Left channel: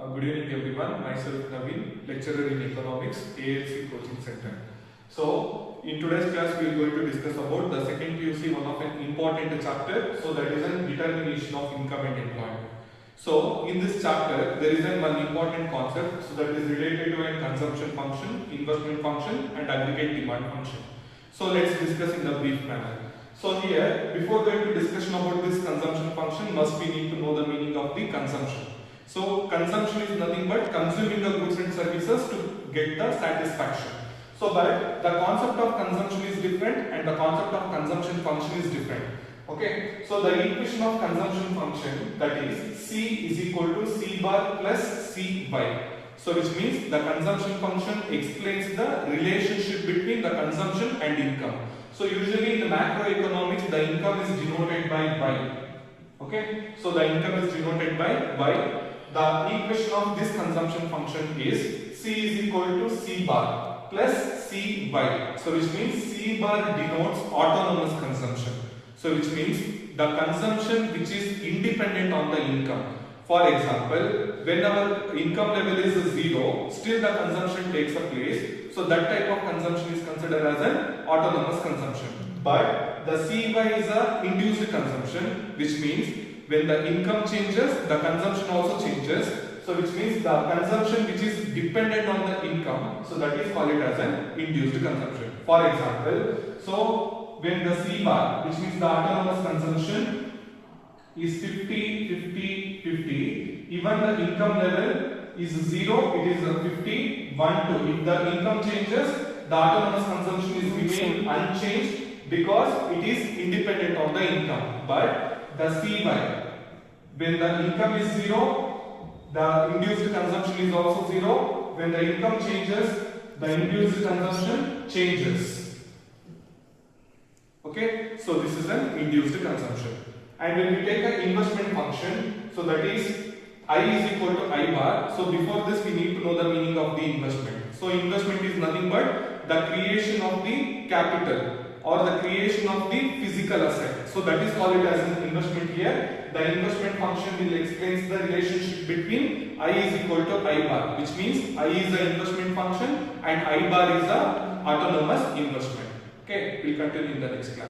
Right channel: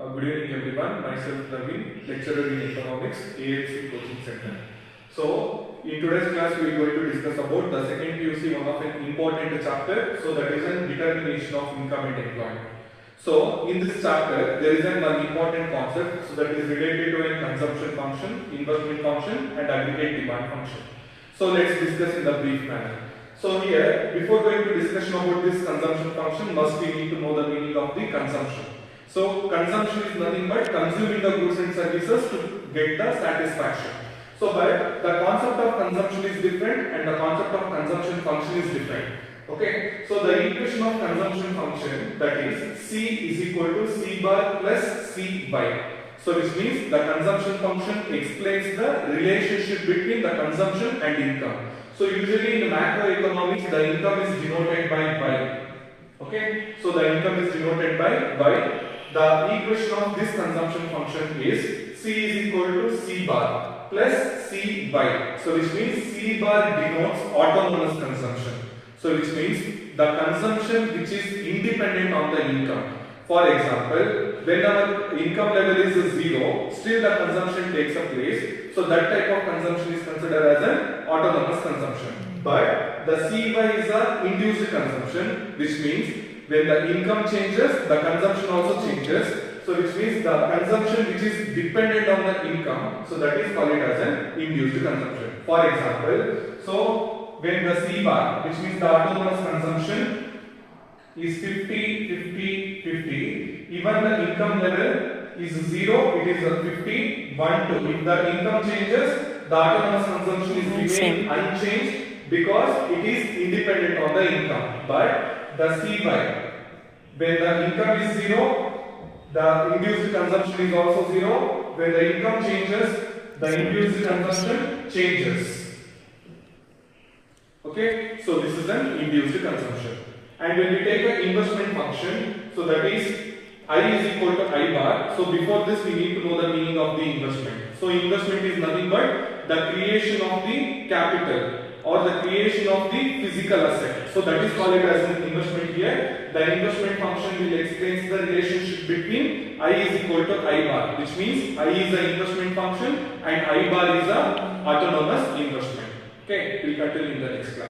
Good evening everyone, myself Naveen, lecturer in economics, ALC Coaching Center. So, in today's class we are going to discuss about the second PUC, one of an important chapter, so that is an determination of income and employment. So, in this chapter there is one important concept, so that is related to a consumption function, investment function and aggregate demand function. So, let's discuss in the brief manner. So here, before going to discussion about this consumption function, we need to know the meaning of the consumption. So consumption is nothing but consuming the goods and services to get the satisfaction. So but the concept of consumption is different and the concept of consumption function is different. Okay. So the equation of consumption function, that is C is equal to C bar plus Cy. So which means the consumption function explains the relationship between the consumption and income. So usually in macroeconomics the income is denoted by Y. Okay. So the income is denoted by Y. The equation of this consumption function is C is equal to C bar plus Cy. So which means C bar denotes autonomous consumption. So which means the consumption which is independent on the income. For example, when our income level is 0, still the consumption takes a place. So that type of consumption is considered as an autonomous consumption. But the Cy is a induced consumption, which means when the income changes, the consumption also changes. So which means the consumption which is dependent on the income, so that is called as an induced consumption. For example, so when the C bar, which means the autonomous consumption, is 50, 50, 50, even the income level is 0, it is 50, 1, 2. If the income changes, the autonomous consumption is remain unchanged because it is independent on the income. But the Cy, when the income is 0, the induced consumption is also 0. When the income changes, the induced consumption changes. Okay, so this is an induced consumption. And when we take an investment function, so that is I is equal to I bar. So before this we need to know the meaning of the investment. So investment is nothing but the creation of the capital or the creation of the physical asset. So that is called as an investment here. The investment function will explain the relationship between I is equal to I bar, which means I is the investment function and I bar is the autonomous investment. Okay, we'll continue in the next class.